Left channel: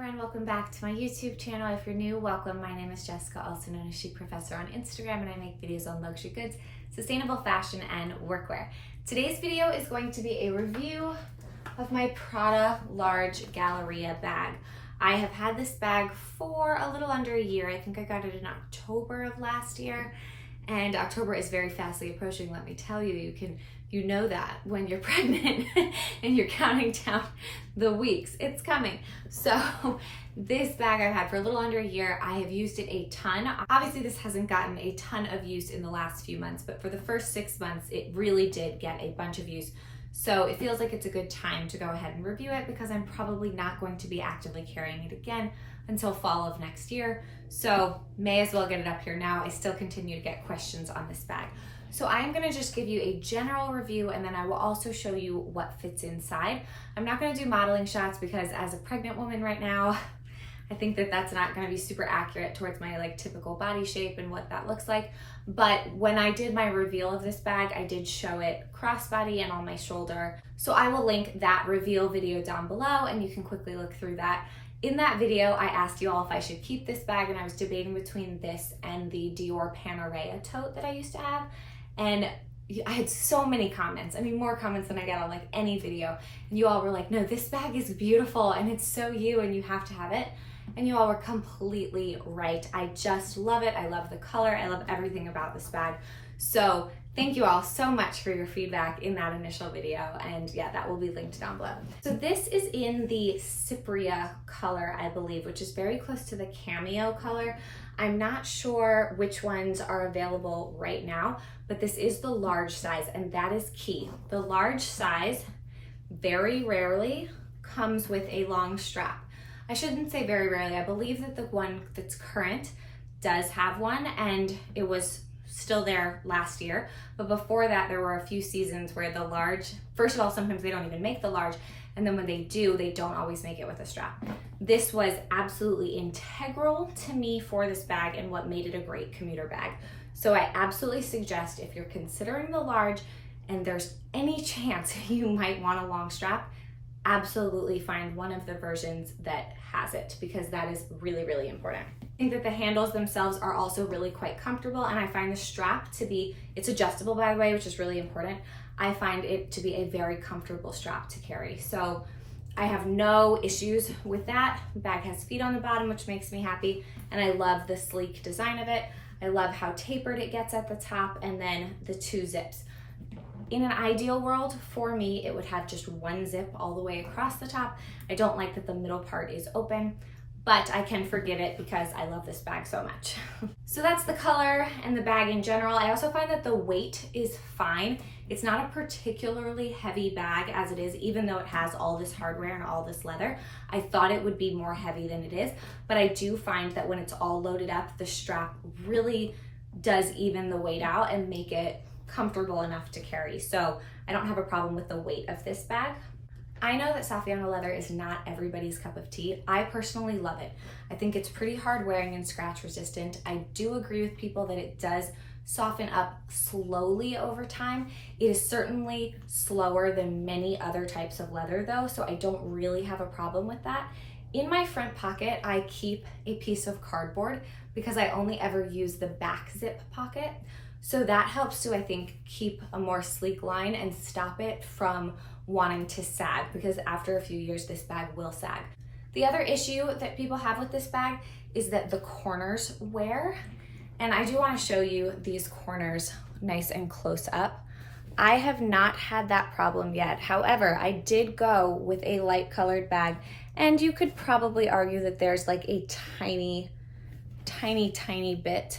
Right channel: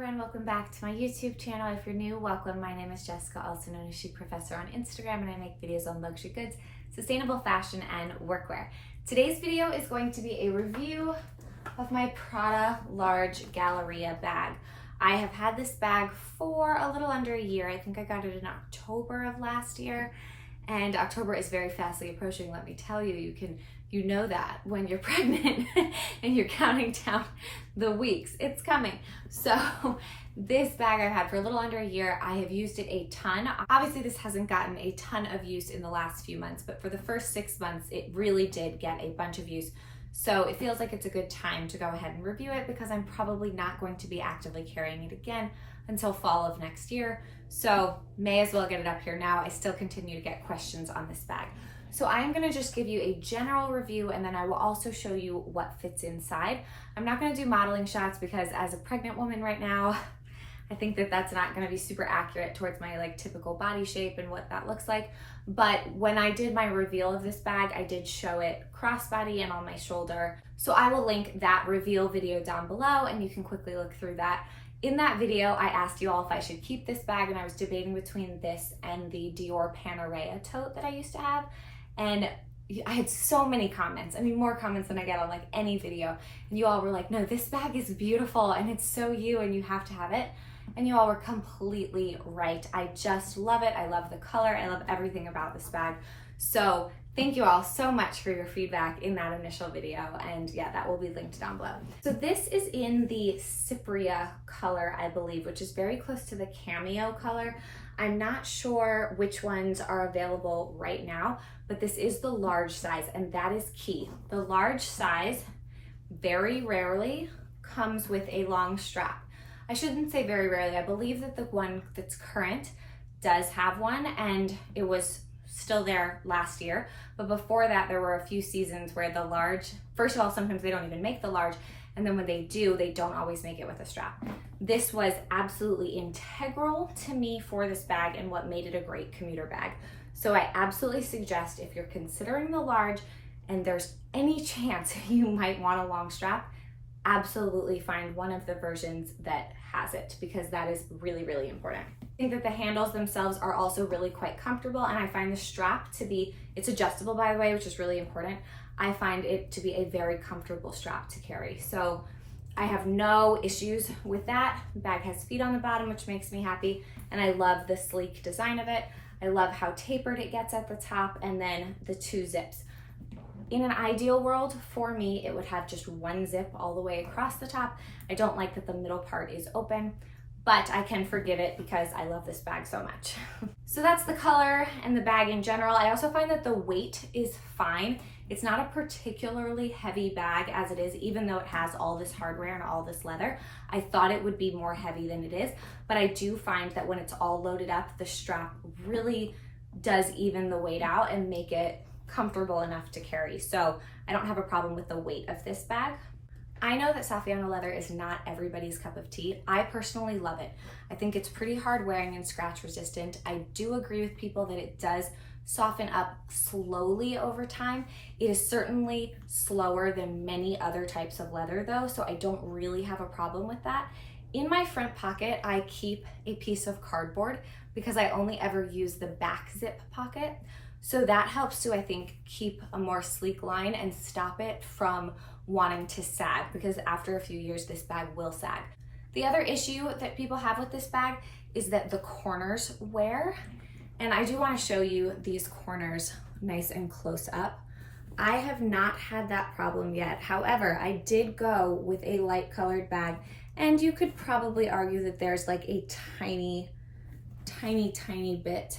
everyone, welcome back to my YouTube channel. If you're new, welcome. My name is Jessica, also known as Chicprofessor on Instagram, and I make videos on luxury goods, sustainable fashion, and workwear. Today's video is going to be a review of my Prada large Galleria bag. I have had this bag for a little under a year. I think I got it in October of last year, and October is very fastly approaching. Let me tell you, you know that when you're pregnant and you're counting down the weeks, it's coming. So this bag I've had for a little under a year. I have used it a ton. Obviously this hasn't gotten a ton of use in the last few months, but for the first 6 months, it really did get a bunch of use. So it feels like it's a good time to go ahead and review it because I'm probably not going to be actively carrying it again until fall of next year. So may as well get it up here now. I still continue to get questions on this bag. So I am gonna just give you a general review, and then I will also show you what fits inside. I'm not gonna do modeling shots because as a pregnant woman right now, I think that that's not gonna be super accurate towards my typical body shape and what that looks like. But when I did my reveal of this bag, I did show it crossbody and on my shoulder. So I will link that reveal video down below and you can quickly look through that. In that video, I asked you all if I should keep this bag, and I was debating between this and the Dior Panerai tote that I used to have. And I had so many comments. I mean, more comments than I get on any video. And you all were like, no, this bag is beautiful and it's so you and you have to have it. And you all were completely right. I just love it. I love the color. I love everything about this bag. So thank you all so much for your feedback in that initial video. And yeah, that will be linked down below. So this is in the cipria color, I believe, which is very close to the cameo color. I'm not sure which ones are available right now, but this is the large size, and that is key. The large size very rarely comes with a long strap. I shouldn't say very rarely. I believe that the one that's current does have one, and it was still there last year. But before that, there were a few seasons where the large, first of all, sometimes they don't even make the large, and then when they do, they don't always make it with a strap. This was absolutely integral to me for this bag and what made it a great commuter bag. So I absolutely suggest, if you're considering the large and there's any chance you might want a long strap, absolutely find one of the versions that has it, because that is really, really important. I think that the handles themselves are also really quite comfortable, and I find the strap to be, it's adjustable by the way, which is really important. I find it to be a very comfortable strap to carry. So I have no issues with that. The bag has feet on the bottom, which makes me happy, and I love the sleek design of it. I love how tapered it gets at the top, and then the 2 zips. In an ideal world, for me, it would have just 1 zip all the way across the top. I don't like that the middle part is open, but I can forgive it because I love this bag so much. So that's the color and the bag in general. I also find that the weight is fine. It's not a particularly heavy bag as it is, even though it has all this hardware and all this leather. I thought it would be more heavy than it is, but I do find that when it's all loaded up, the strap really does even the weight out and make it comfortable enough to carry. So I don't have a problem with the weight of this bag. I know that Saffiano leather is not everybody's cup of tea. I personally love it. I think it's pretty hard wearing and scratch resistant. I do agree with people that it does soften up slowly over time. It is certainly slower than many other types of leather though, so I don't really have a problem with that. In my front pocket, I keep a piece of cardboard because I only ever use the back zip pocket. So that helps to, I think, keep a more sleek line and stop it from wanting to sag, because after a few years, this bag will sag. The other issue that people have with this bag is that the corners wear. And I do want to show you these corners nice and close up. I have not had that problem yet. However, I did go with a light colored bag, and you could probably argue that there's a tiny, tiny, tiny bit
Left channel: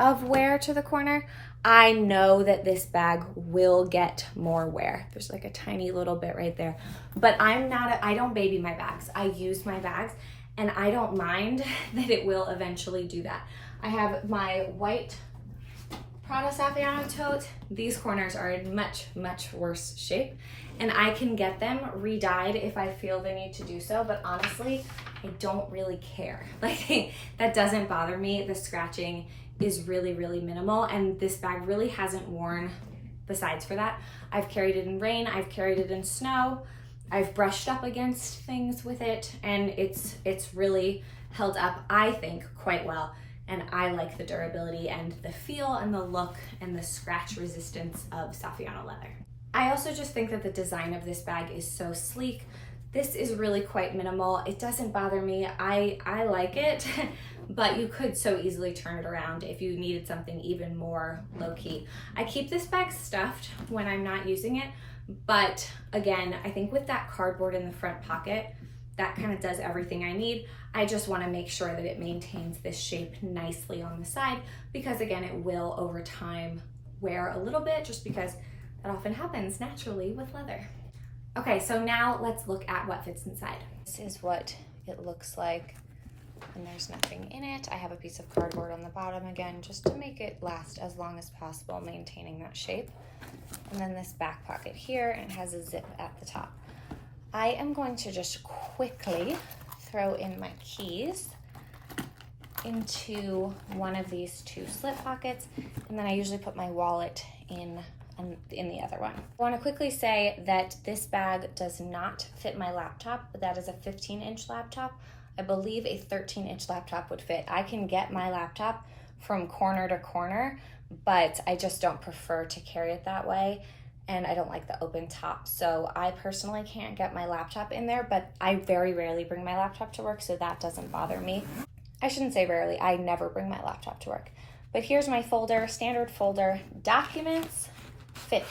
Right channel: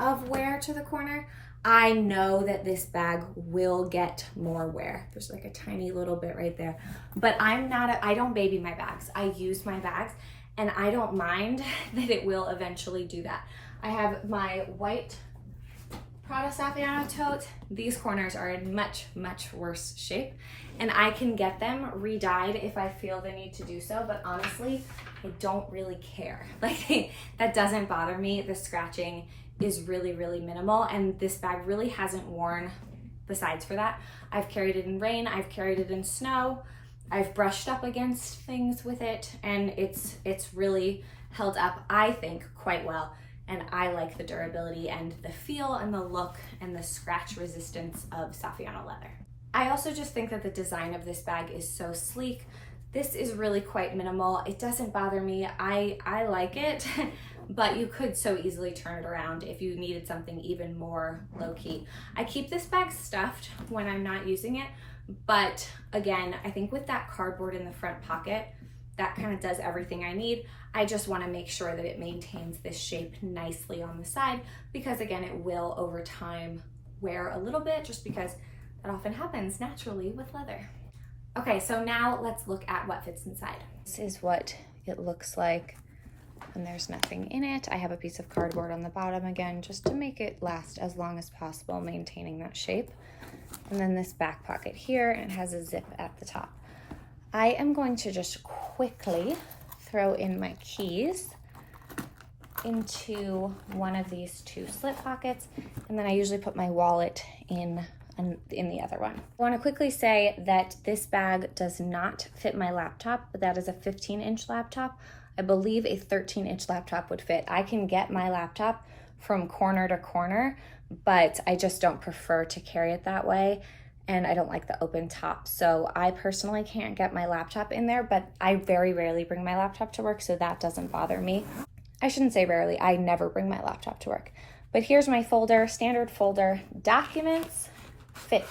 of wear to the corner. I know that this bag will get more wear. There's a tiny little bit right there, but I don't baby my bags. I use my bags, and I don't mind that it will eventually do that. I have my white Prada Saffiano tote. These corners are in much, much worse shape, and I can get them re-dyed if I feel the need to do so, but honestly, I don't really care. That doesn't bother me. The scratching is really, really minimal, and this bag really hasn't worn besides for that. I've carried it in rain, I've carried it in snow. I've brushed up against things with it, and it's really held up, I think, quite well. And I like the durability and the feel and the look and the scratch resistance of Saffiano leather. I also just think that the design of this bag is so sleek. This is really quite minimal. It doesn't bother me. I like it, but you could so easily turn it around if you needed something even more low-key. I keep this bag stuffed when I'm not using it, but again, I think with that cardboard in the front pocket, that kind of does everything I need. I just want to make sure that it maintains this shape nicely on the side, because again, it will over time wear a little bit, just because that often happens naturally with leather. Okay, so now let's look at what fits inside. This is what it looks like, and there's nothing in it. I have a piece of cardboard on the bottom again, just to make it last as long as possible, maintaining that shape. And then this back pocket here, and it has a zip at the top. I am going to just quickly throw in my keys into one of these two slip pockets, and then I usually put my wallet in the other one. I want to quickly say that this bag does not fit my laptop, but that is a 15-inch laptop. I believe a 13-inch laptop would fit. I can get my laptop from corner to corner, but I just don't prefer to carry it that way, and I don't like the open top. So I personally can't get my laptop in there, but I very rarely bring my laptop to work, so that doesn't bother me. I shouldn't say rarely, I never bring my laptop to work. But here's my folder, standard folder. Documents fit.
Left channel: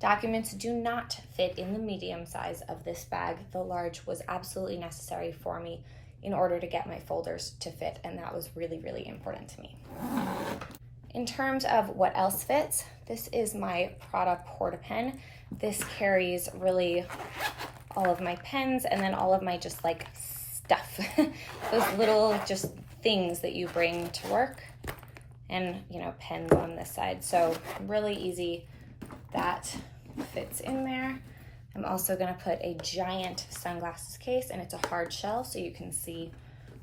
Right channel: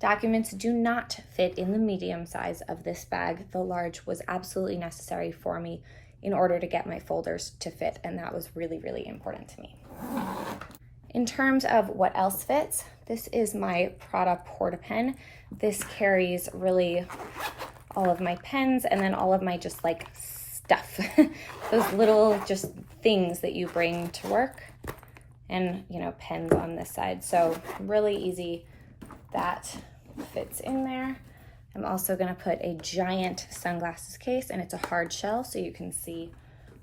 Documents do not fit in the medium size of this bag. The large was absolutely necessary for me in order to get my folders to fit, and that was really, really important to me. In terms of what else fits, this is my Prada Porta Pen. This carries really all of my pens, and then all of my just like stuff. Those little just things that you bring to work, and you know, pens on this side. So really easy, that fits in there. I'm also gonna put a giant sunglasses case, and it's a hard shell, so you can see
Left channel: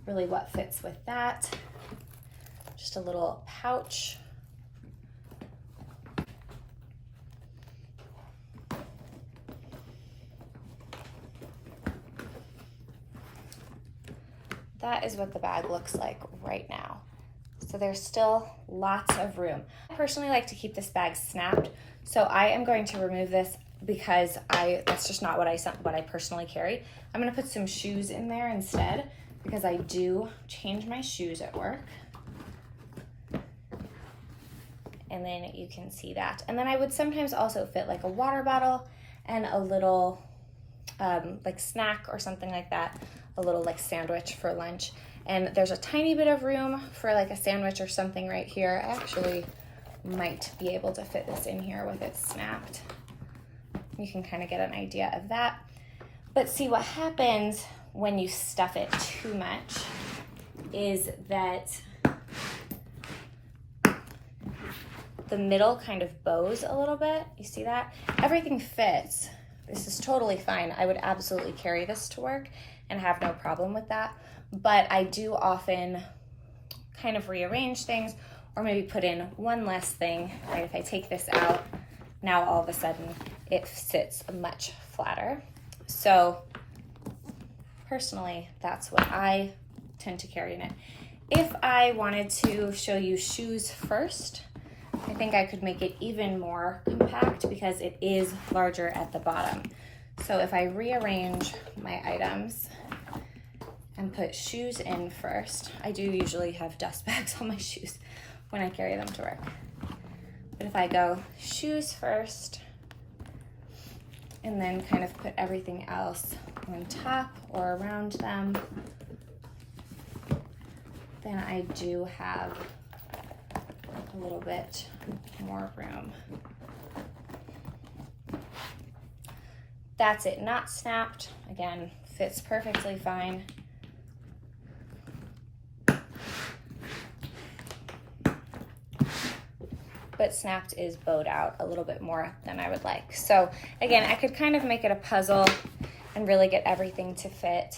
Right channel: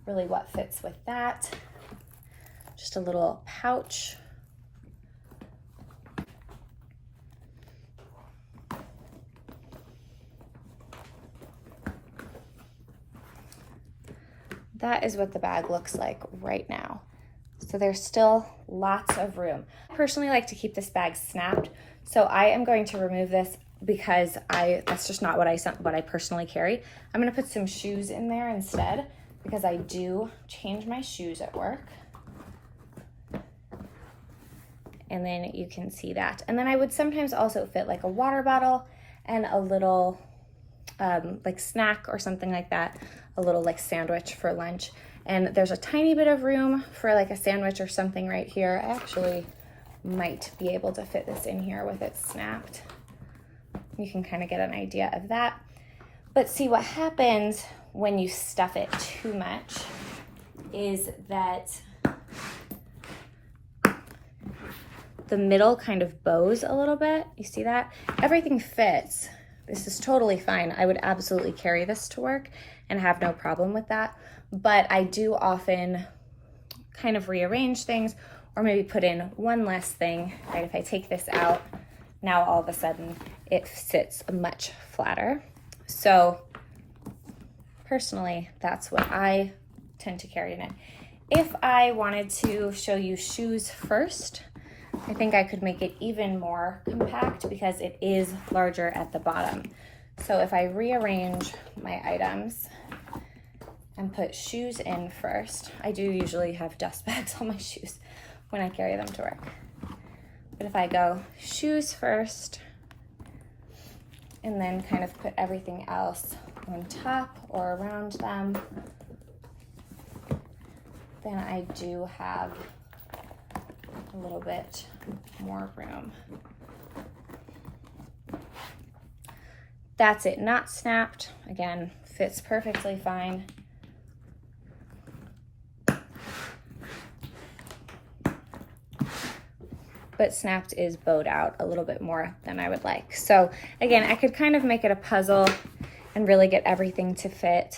really what fits with that. Just a little pouch. That is what the bag looks like right now. So there's still lots of room. I personally like to keep this bag snapped, so I am going to remove this because that's just not what I personally carry. I'm gonna put some shoes in there instead, because I do change my shoes at work. And then you can see that. And then I would sometimes also fit like a water bottle and a little like snack or something like that, a little like sandwich for lunch. And there's a tiny bit of room for like a sandwich or something right here. I actually might be able to fit this in here with it snapped. You can kind of get an idea of that. But see, what happens when you stuff it too much is that the middle kind of bows a little bit. You see that? Everything fits. This is totally fine. I would absolutely carry this to work and have no problem with that. But I do often kind of rearrange things, or maybe put in one less thing. Right? If I take this out, now all of a sudden it sits much flatter. So personally, that's what I tend to carry in it. If I wanted to show you shoes first, I think I could make it even more compact because it is larger at the bottom. So if I rearrange my items and put shoes in first, I do usually have dust bags on my shoes when I carry them to work. But if I go shoes first and then kind of put everything else on top or around them, then I do have a little bit more room. That's it, not snapped. Again, fits perfectly fine. But snapped is bowed out a little bit more than I would like. So again, I could kind of make it a puzzle and really get everything to fit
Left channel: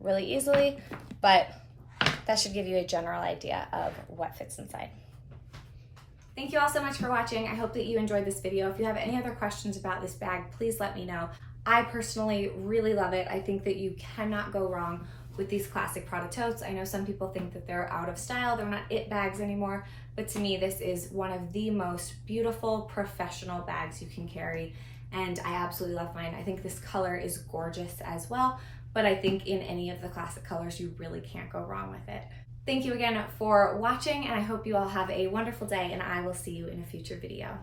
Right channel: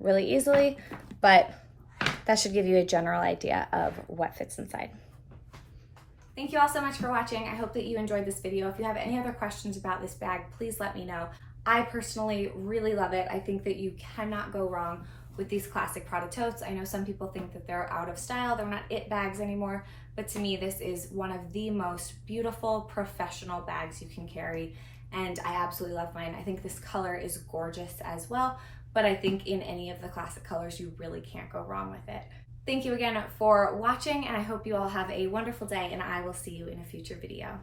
really easily, but that should give you a general idea of what fits inside. Thank you all so much for watching. I hope that you enjoyed this video. If you have any other questions about this bag, please let me know. I personally really love it. I think that you cannot go wrong with these classic Prada totes. I know some people think that they're out of style, they're not it bags anymore, but to me this is one of the most beautiful professional bags you can carry, and I absolutely love mine. I think this color is gorgeous as well, but I think in any of the classic colors you really can't go wrong with it. Thank you again for watching, and I hope you all have a wonderful day, and I will see you in a future video.